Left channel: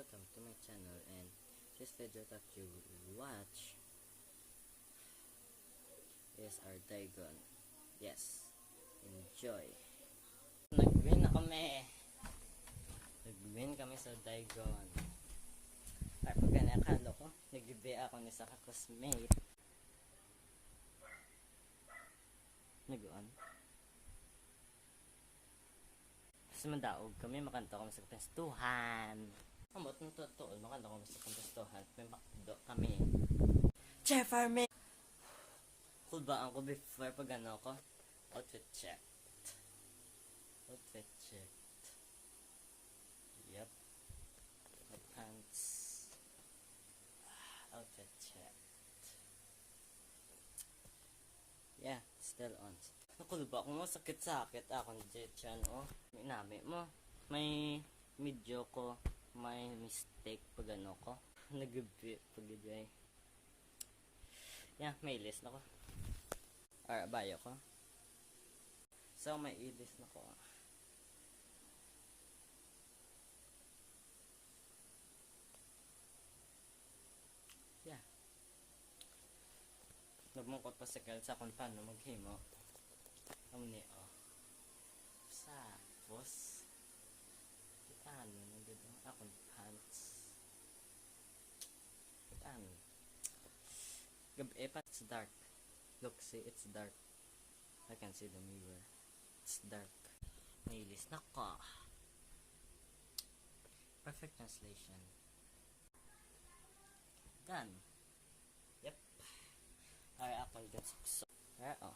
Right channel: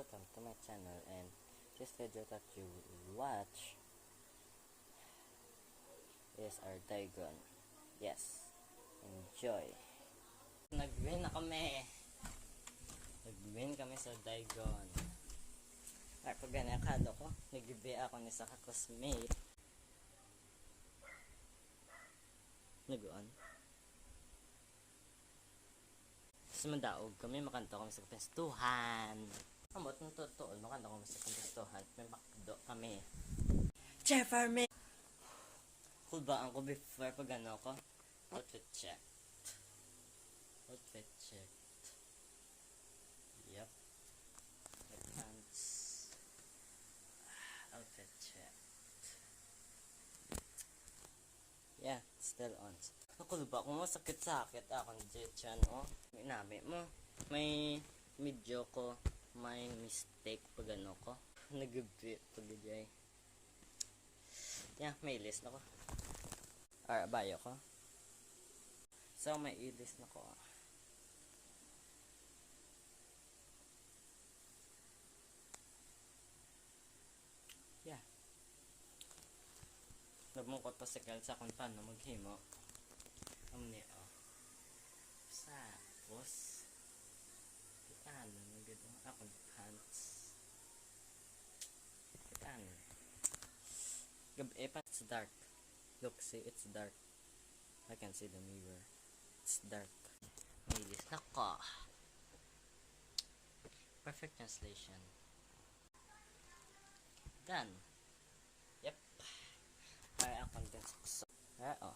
welcome to my channel, and this video that you watch is our Dagon. Yes, enjoy. Nag-win na kami. Nag-win kami sa Dagon. Ay, pag ganakalo ko, nag-ibi ako ni sa kaklasmate. Nag-on. Tapos mandaog kami, makanta kami sa kapestuhan. Amot ng totoo, makanta kami sa kapestuhan. May makdo kami. Jeffer me! Cool ba ako before pag ano ko? Outfit checked. Outfit checked. Yup. Pants. Outfit checked. Yeah, still on. Cool ba kung masakit-sakit akong dyan, oh. Minami mo. May medyo ko, may mistake pag ano ko. Nag-bit pag jay. Yeah, may list na ko. Or bayo ko. So, may i-list na ko. Yeah. Nagmungkot pa sa sa kung paano maghimo. Omni, oh. Tapos, ano na dito? Akong pants. Ano? Gabi pa, it's dark. Look, see, it's dark. I can see the mirror. It's dark. Nilis na ko. Perfect translation. Done. Yep. Ay, akong dun sakso. Ay, oh.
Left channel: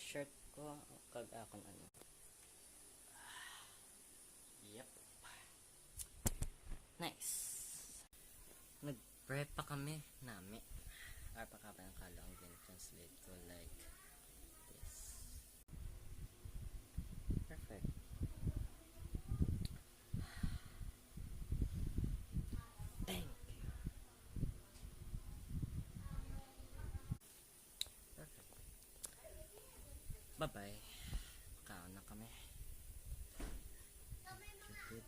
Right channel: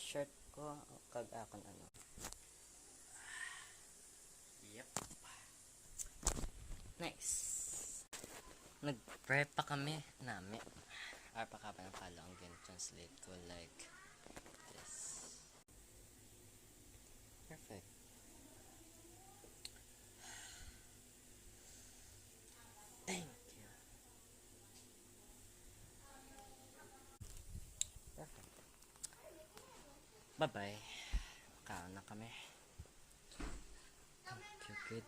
Shirt ko, kag akong ano. Yep. Nice. Nag-prep pa kami namin. Ay, pa ka pa ng kala ang translate ko like this. Perfect. Thank you. Perfect. Bye-bye. Kaon na kami. Thank you, kid.